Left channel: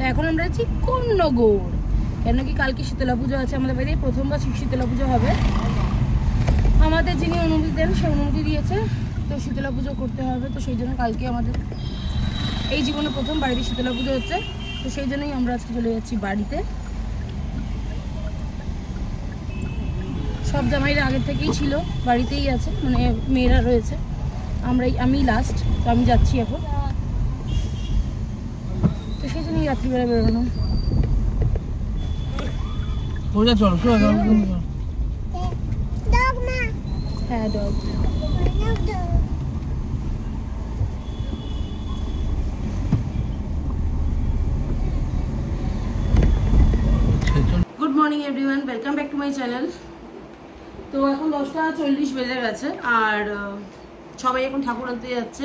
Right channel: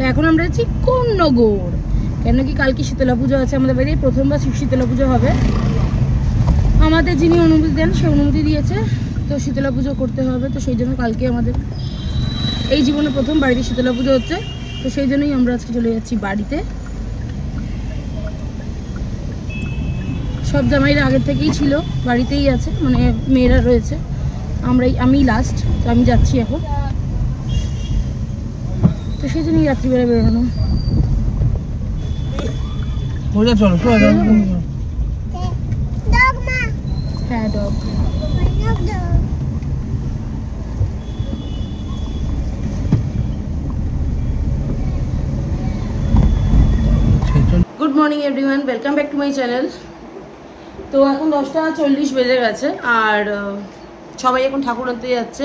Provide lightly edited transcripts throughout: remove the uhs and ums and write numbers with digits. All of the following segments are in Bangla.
তো এখন আমরা আছি কোন্নগর, কেন কি কালকে শীতলা পুজো আছে আমাদের বাড়ি, প্রথমবার শীতলা পুজো হবে। আমাদের যিনি অনুমতি দেন সে অনুমতি দিয়েছে, তো শীতলা পুজো করতে হবে। তো সেই জন্য কালকে আমাদের এই জীবনে প্রথম বাড়িতে শীতলা পুজো হচ্ছে, তো সেই জন্যই আমরা আজকে চলে যাচ্ছি বাড়িতে। সব জামাইরা আগের থেকেই ছিল, বাড়িতেই আছে, মানে মেয়েরা রয়েছে, আমি লাস্ট, তো আমি যাচ্ছি এখন। তো সেই জন্যই রাত্রিবেলা বেরোনো। হ্যাঁ dog. Good morning everyone, welcome back to my channel. তো এখন 10:40 বেজে গেছে, আর সবাই এখন ঠাকুর আনতে যাচ্ছে।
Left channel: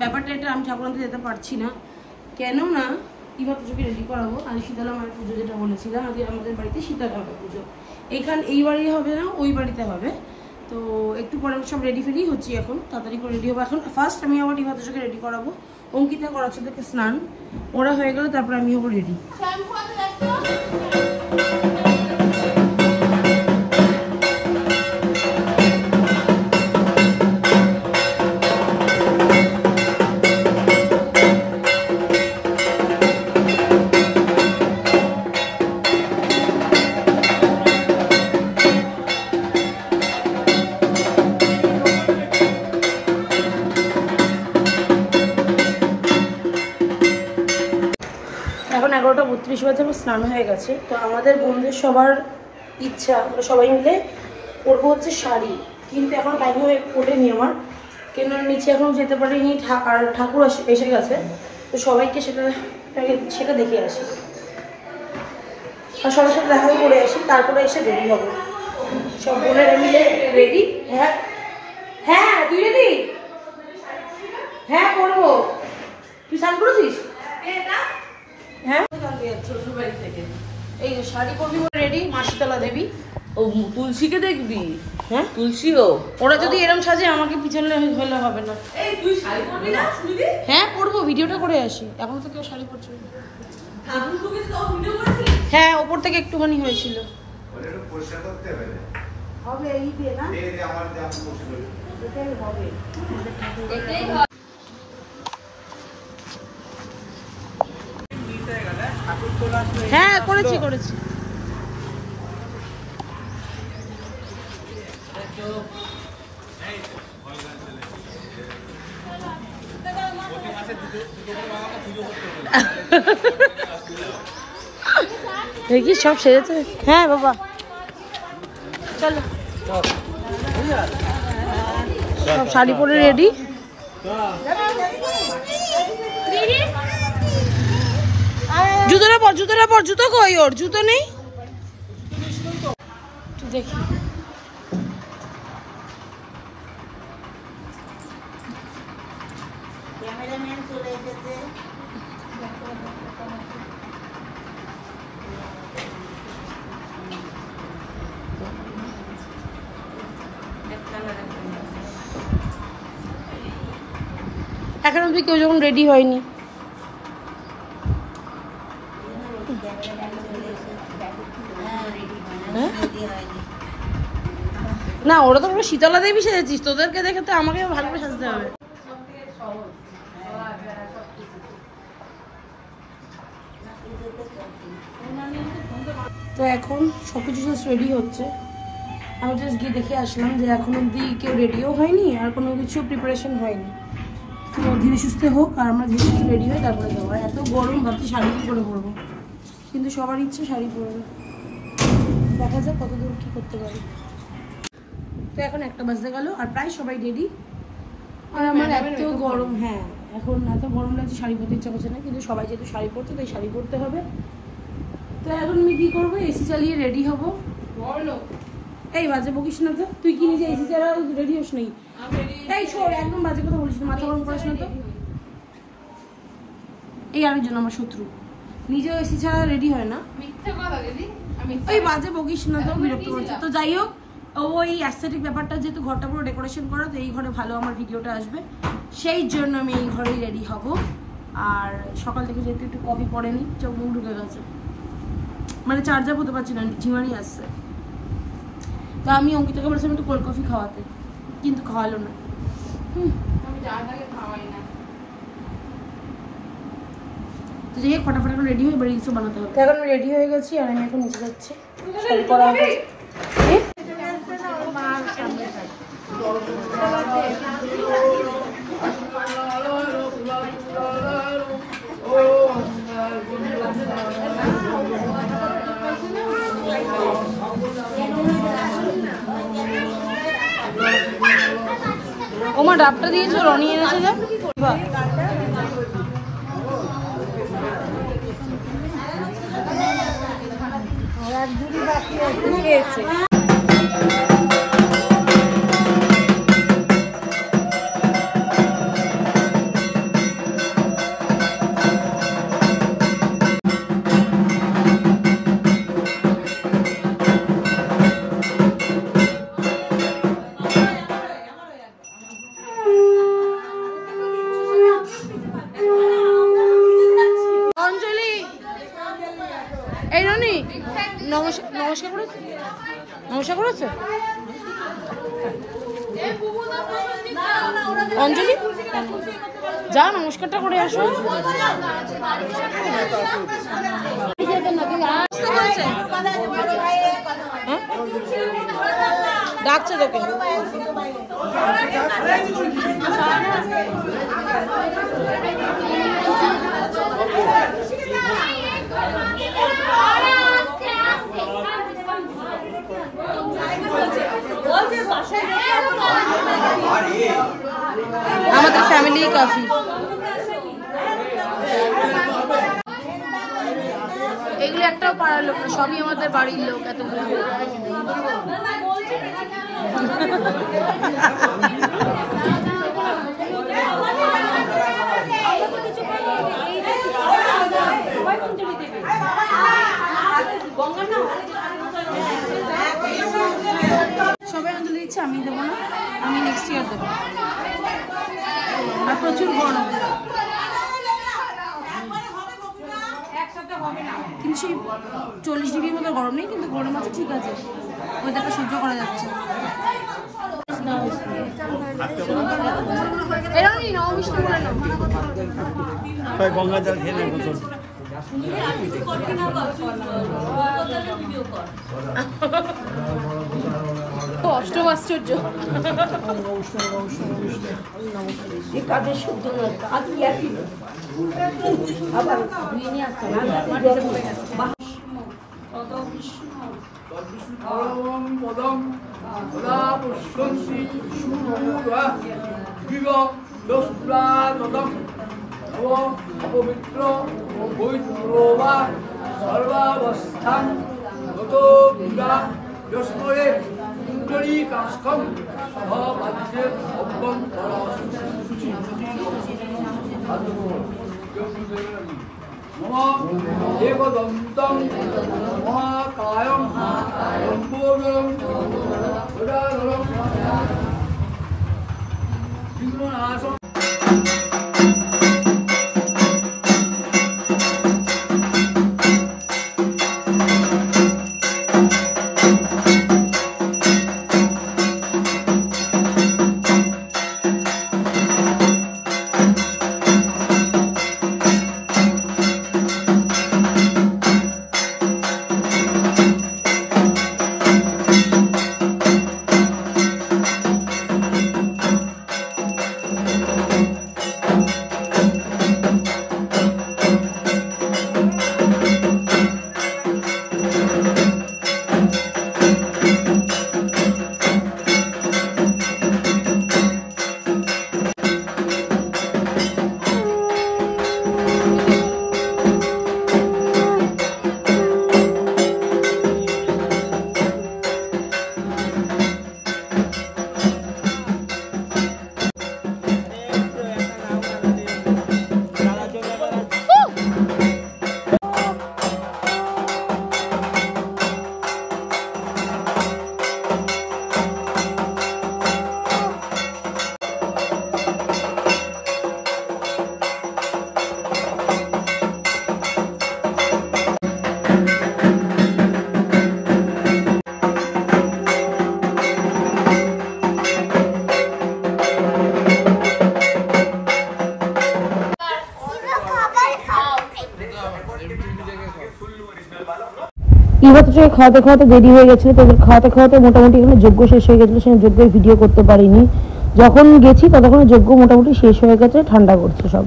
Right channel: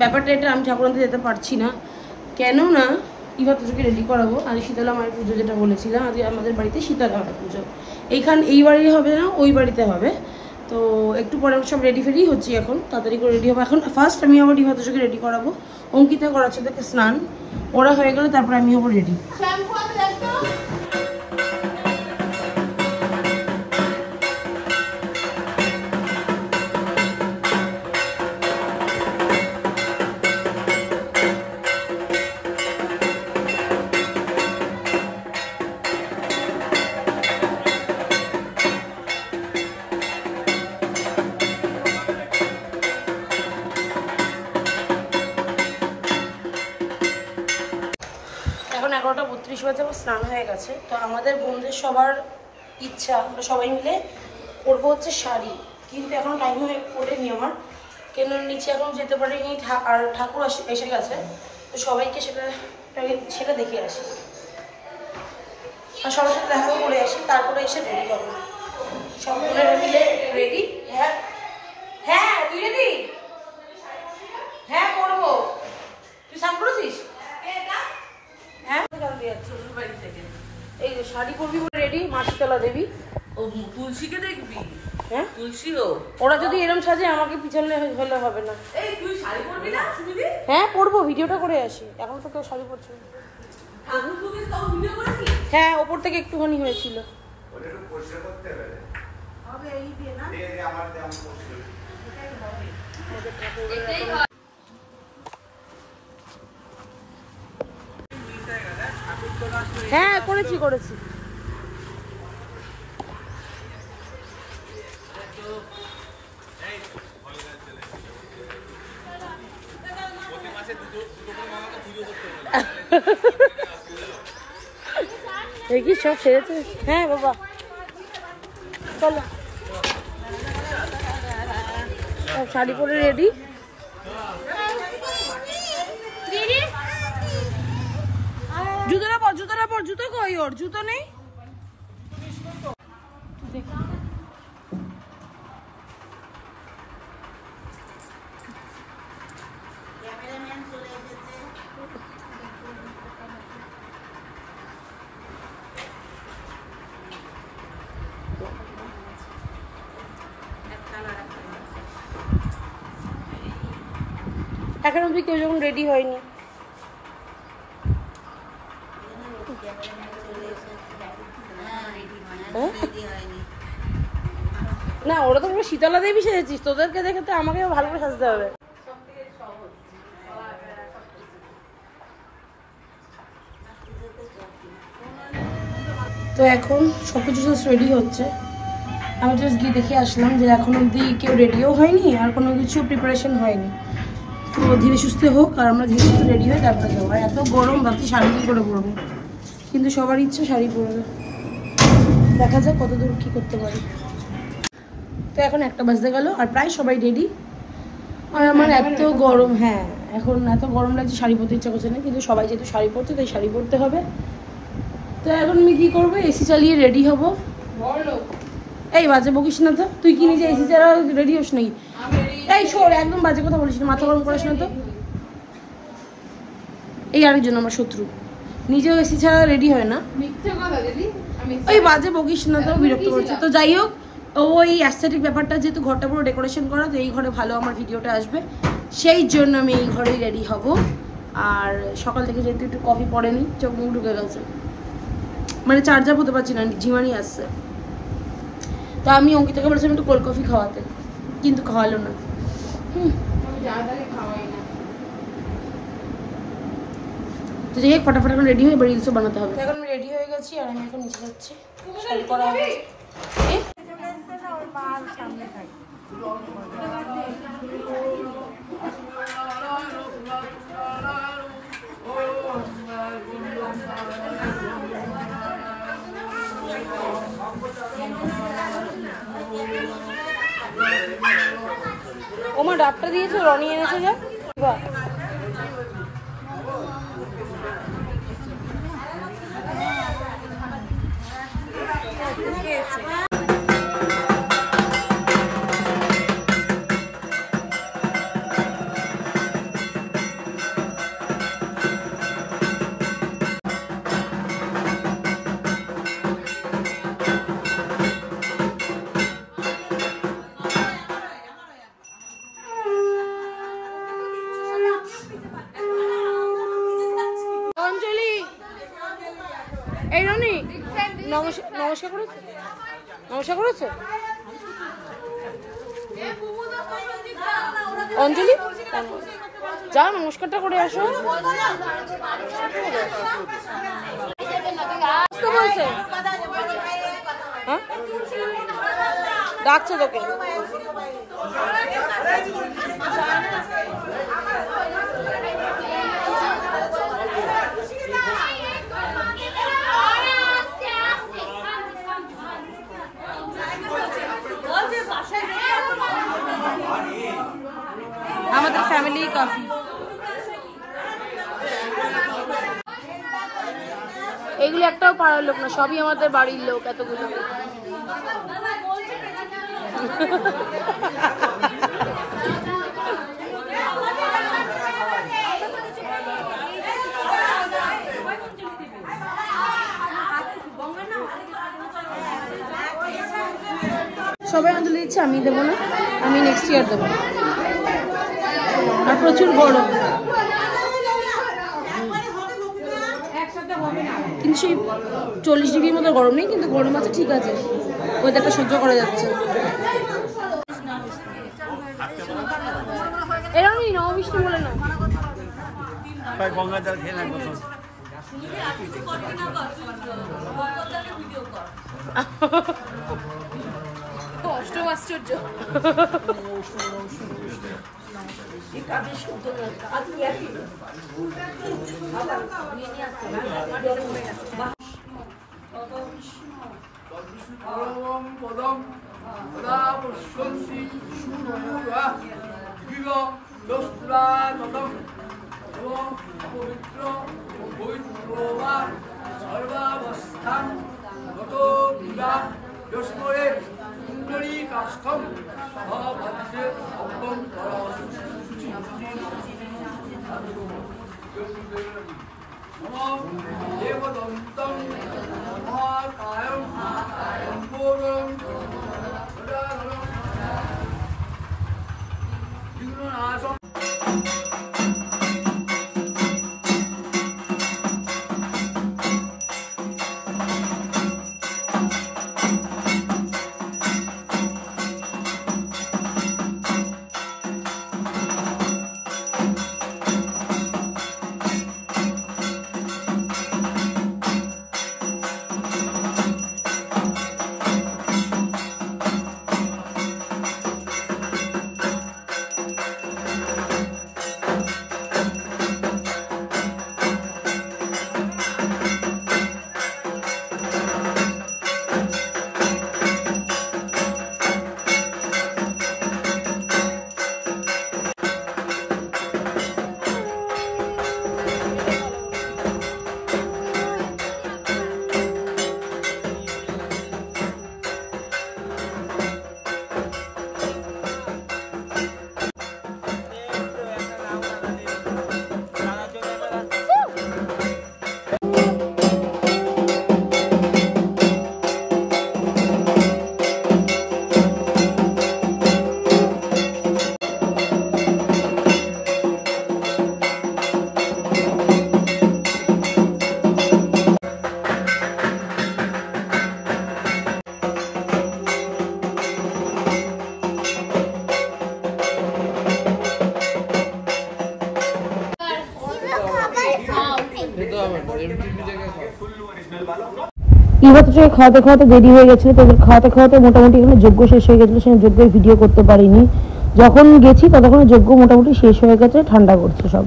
ব্যাপারটা এটা, আমি ঠাকুর আনতে যেতে পারছি না, কেননা এবার তোকে রেডি করাবো। আর শীতলা মায়ের পুজো যেটা বলেছিলাম, আজকে আমাদের বাড়িতে শীতলা মায়ের পুজো। এই বাড়ি হবে না, ওই বাড়িতে হবে। তো একটু পরে আমরা সব রেডি ফেরি হচ্ছি, এখন তাড়াতাড়ি করে রেডি হবো। এখন ফার্স্ট আমি আবার ডিভাতোকে রেডি করাবো, অঙ্কিতা করাচ্ছে তাকে স্নান, ওরা হয়ে গেলে তারপরে আমি হবো রেডি। এখন 11:32 বাজে, আমার স্নান হয়ে গেছে। তো আমাদের বোনদের সবার ইচ্ছা আমরা সবাই মিলে পরবো হচ্ছে শাড়ি, কিন্তু এখন টাইম হয়ে ওঠেনি আমার, কেন নিচে এখনো যেতে পারিনি, আর ঠাকুর এসে গেছে। তো সবাইকে সেটা দেখে আসি, আর সবার সাথে দেখাও করে আসি, তারপরে এসে রেডি হবো। সব বোনেরা মিলে রেডি। হ্যাঁ হ্যাঁ, তুই রেডি? হ্যাঁ করবো। তুই স্নান করেছিস? হ্যাঁ, এই শাড়ি পরবি রেডি, মা শীতলা দেবী। ও তুলসীকে দেখবি? হ্যাঁ তুলসীও ওরা যদি এরকম সাজে, আমাকে পিছনে হলে হবে না। এই তুই শাড়ি পরবি না শুনবি? হ্যাঁ পরবো, ভিডিওটা করে আসি। এখন তো কেউ শাড়ি পরছে না। আগুন তো কিছু তাও ভিডিও করেছিস? হ্যাঁ ওপর থেকে একটুখানি হয়েছিল। ওটা একটু পরিষ্কার করতে হবে। হবে এই দিয়ে না? এই আমার দিয়ে আমি পরিষ্কার করি। এটাই হবে। এটাই হ্যাঁ করেছি। দেখি সব সেরেছে। হ্যাঁ বাবা চলো, সব শাড়ি পরে রেডি। জুতোটা পর, জুতো কই? ওর জুতো নেই, দেখি। এখন অব্দি কেউ যখন রেডি হয়নি। না ওরা তো পুরো শীতলা দেবী সেজেছিস, তোদেরকে দেখে তো আমাকে ভালো করে সাজতে হবে। তো এখন সবকিছু জাস্ট রেডি হচ্ছে, আমি জাস্ট গিয়ে দেখে আসলাম যে এখন অব্দি কেউ রেডিও হয়নি, আর কোনো কিছু প্রিপারেশন হয়নি। তো ধীরে সুস্থে হোক, আর আমরা ধীরে সুস্থে রেডি হই, তারপরে যাবো। আর এত গরম, ভাবছি শাড়ি কী করে পরবো, কিন্তু সবার ইচ্ছে শাড়ি পরবে। দেখা যাক কত দূর কী করতে পারি। তো এখন 1টা বাজতে গেল, আর প্রায় সবাই রেডি। আর আমার এত গরম, হ্যাঁ এখন এত গরম লাগছে, শাড়ি পরতে ইচ্ছা করছে না, কিন্তু সবাই যেহেতু শাড়ি পরছে তাই শাড়ি পরতে হবে। তো এখন আমি কী করবো, এসি চালিয়ে রেডি হবো। এই বাজে বকিস না তো, তুই কি নিজে এসি চালা রেডি হোস নাকি? এই শোর, একদম বাজে কথা বলিস না, মাথা গরম করিস না তো। এই আরেকজন আমার শত্রু, নিজেও এসি ছাড়া রেডি হয় না। ওই বাজে বকিস না তো, বিরক্ত করছে। তো যাই হোক, ওই অ্যাস্থেটিক ব্যাপারটা, যেহেতু ঘরটা পুরো ডেকোরেশন করা, তো এই ঘরে ভালো আমার ভিডিওটা আসবে, সেই জন্য আমি এই ঘরেই রেডি হব। আর সকাল থেকে যেহেতু একটু কফি পড়েনি, চোখ মুখ ঢুকে গেছে, মানে চার্জার হতে পারছি না, ঝিমানি আসছে। তো আমি অঙ্কিতাকে বলেছিলাম একটু কোল্ড কফি খাওয়াতে, কিন্তু খাওয়ালো না। তো যাই হোক, ফটাফট এখন রেডি হয়ে রিলসও বানাতে হবে। এখন আমি রেডি হয়ে গেছি আর আমি এখন নিচে যাচ্ছি, শাড়ি পরা হয়ে গেছে। ওমা ডাবটা দিয়েছো, রনি এনেছে যা। বাহ, এই রনি নমস্কার করেছো? নমস্কার করেছো অঞ্জলি? যা নমস্কারটা করে আসো। ডাকছে তোকে। আমাদের ফ্যামিলি কাফি। এগুলো একটাও পাড়ার লোক না, সবই আমাদের বাড়ির লোক। এতগুলো সবাই অঞ্জলি দিচ্ছে, আমি দেবো না, আমি নেক্সট ইয়ার দেবো। আর প্রচুর গরম, কিন্তু সেই 40 ডিগ্রির মতো গরম নেই, কিন্তু গরম আছে, ঠিক আছে, ওয়েদারটা সহ্য করা যাচ্ছে। এরকমই নবমিষ্টি বলে না, গঙ্গা জল খেয়ে নেয় বোতল। অষ্টম আশ্চর্য। কাজের শুদ্ধ কাজ অপবিত্র পবিত্রবা সর্বাবস্থান গত বিরা যস্মরে কুণ্ডলী কাষ্ঠম সহবাদ্যে অভ্যন্তর শুচি নম দেবদন্তং মহাকায়ং লম্বোদরং উদারং বিঘ্ননাশং। খেতে হবে না, এমনি নিজেকে খাও। ইভাত্রকে খাওয়াতে খাওয়াতে দেরি হয়ে গেছিলো, তো ওদের খাওয়াতে খাওয়াতে মোটামুটি এখানে যজ্ঞ শেষ হয়ে গেছিলো, সেখানে যজ্ঞের ভিডিও করতে পারিনি। যখন গেছি ততক্ষণে যজ্ঞ মোটামুটি শেষ হয়ে গেছে, ঠান্ডা করছে সব।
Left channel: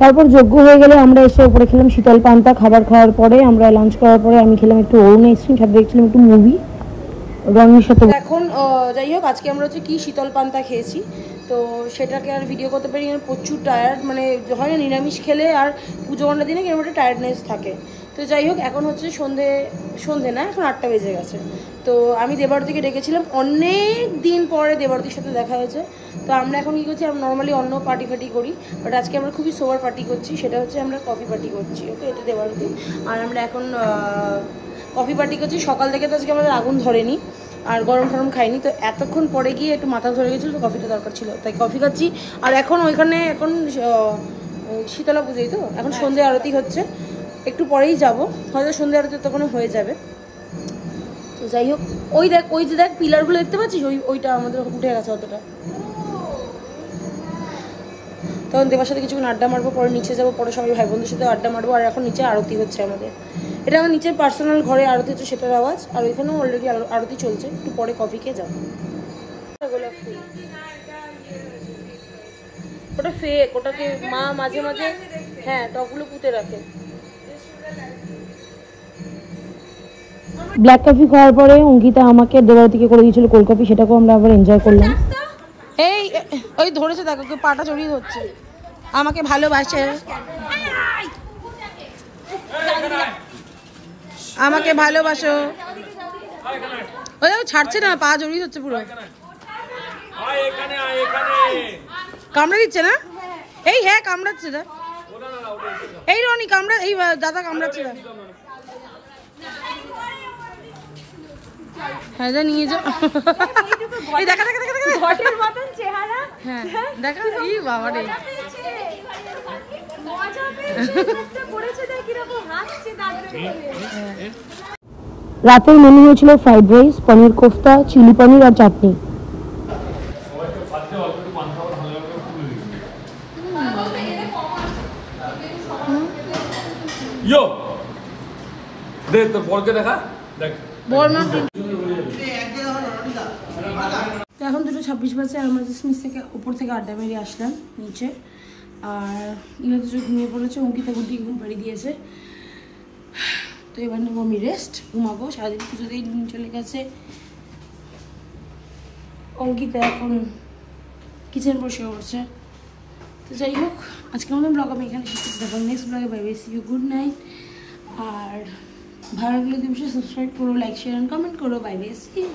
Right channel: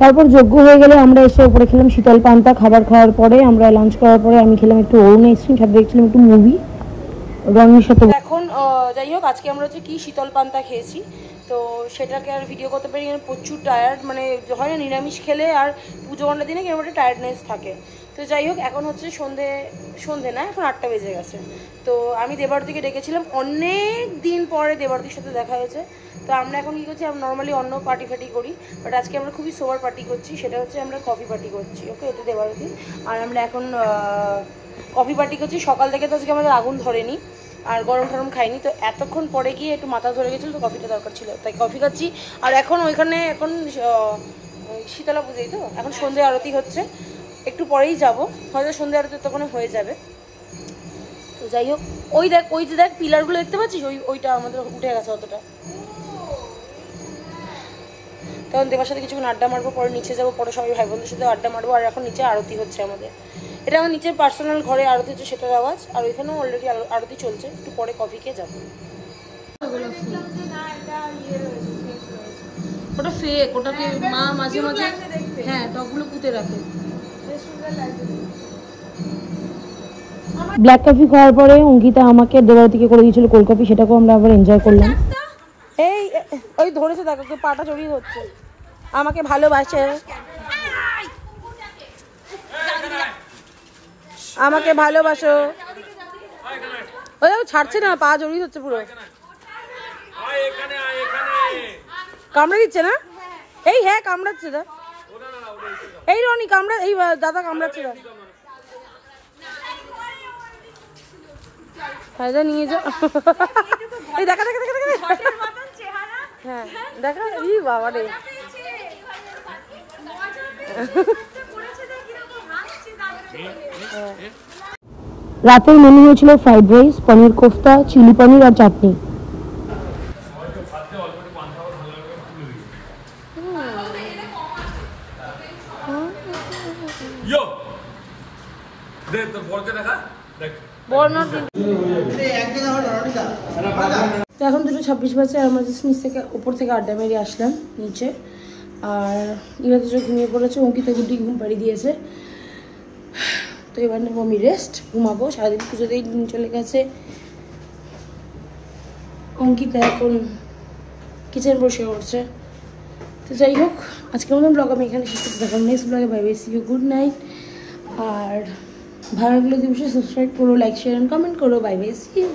তারপর যজ্ঞ হয়ে গেলে আমরা এসে উপরে খেলাম শীতল পান্তা। খাবার খাওয়ার পরে আমরা লাঞ্চ করার পরে আমি খেলাম একটু অরুণ আইসক্রিম, সাথে দেখছিলাম একটু মুভি রঙের সাথে। এখন যাই হোক, আজকে আমরা হচ্ছে কি শীতল পান্তা খেয়েছি, তো সেটাকে আর ভিডিও করতে পারি না, প্রচুর টায়ার্ড। মানে হয় না নিরামিষ খেলে আর পুজো ঘন্টার দিনে কিরকম একটা টায়ার্ডনেস থাকে। তো যাই হোক, এখন হচ্ছে সন্ধে না, এখন 8টা বেজে গেছে। তো আমি দেবারতিকে ডেকেছিলাম, অনেক দিন পরে দেবারতির সাথে দেখা হয়েছে। তো আমরা এখন কী করছি, আমরা নর্মালি অন্য পার্টি ফার্টি করি, বাট আজকে আমরা খুবই সোবার পার্টি করছি। সেটা হচ্ছে আমরা কফি পার্টি করছি। ওকে, এটা দেবারতি। আর আমরা এখন কফি পার্টি করছি। সকাল থেকে তো আজকে আমাদের আগুন ধরেনি আর গরম টরম খাইনি, তো এতক্ষণ পরে গিয়ে একটু মাথা ধরে গেছিলো, তো কফিটা দরকার ছিল, তাই কফি খাচ্ছি। আর এখন ওইখানে এখন শীতলা পুজোই, তো এখন সন্ধে আরতি হচ্ছে, একটু পরেই যাব, হয়তো সন্ধে আরতি তখন হয়ে যাবে। তো যাই হোক, ওই যে দেখ পিলারগুলো দেখতে পাচ্ছিস, ওইটা আমাদের উঠে গেছে অতটা। তখন দেবার সাথে কিছুক্ষণ আড্ডা মারবো, পরে নিচে যাবো, পরে সবাই ভাই বোনদের সাথে আড্ডা মারবো। আর এখন নিচে আরতি হচ্ছে আমাদের, এটা আমার নিচের পার্সোনাল ঘরে আরতি হচ্ছে, সেটার আওয়াজ। আর ওইখানেও অলরেডি আরতি চলছে, একটু পরে কফি খেয়ে যাবো। ওটা ফেক, ওটাকে মা মাঝে মাঝে হ্যাঁ টকগুলো পুঁতে রাখে। ব্ল্যাক কফি খাওয়ার পরে অঙ্কিতা আমাকে দেবারতিকে করে দিয়েছিল কোল্ড কফি, সেটাকেও আমরা আবার এনজয় করলাম। এই ওই ধরেছে, দেখো পাটা জড়িয়ে ধরছে। আমাকে ভালোবাসে, আমাকে ভালোবাসো। ওই ছাড়ছে না, পা জড়িয়ে ধরছে পুরো, কামড়ে দিচ্ছে না? এই হ্যাঁ কামড়াচ্ছে দা, এই রনি কামড়া, এই দাদা কামড়াচ্ছে দা। হ্যাঁ যা নিয়ে যাও। এই দেখা দেখা দেখা দেখা হ্যাঁ দেখা, ই বাবা রে। রাতের মেনু হয়েছিল ফ্রাইড রাইস, পনির কোফতা, চিলি পনির আর চাটনি। এখন 2:26 বাজে, আর আমরা নিচ থেকে উপর থেকে আড্ডা মেরে আসলাম নিচে। আর ইরা তো ঘুমিয়ে পড়েছে, অঙ্কিতা গুড্ডি ঘুম পাড়ি দিয়েছে। তো এবার নেবো আমি রেস্ট, ঘুমাবো। সারাদিন পুজোতেই দিন চলে গেছে। অঙ্কিতা এখন কিচেন বসে উঠছে। তো যাই হোক, আজকের মতন ব্লগ আমি এখানে শেষ করতে থাকলাম। নেক্সট ব্লগে bye bye, see you, good night. আর ভালো লাগলে অবশ্যই সাবস্ক্রাইব করো, লাইক শেয়ার এন্ড কমেন্ট করো। Bye bye, see you.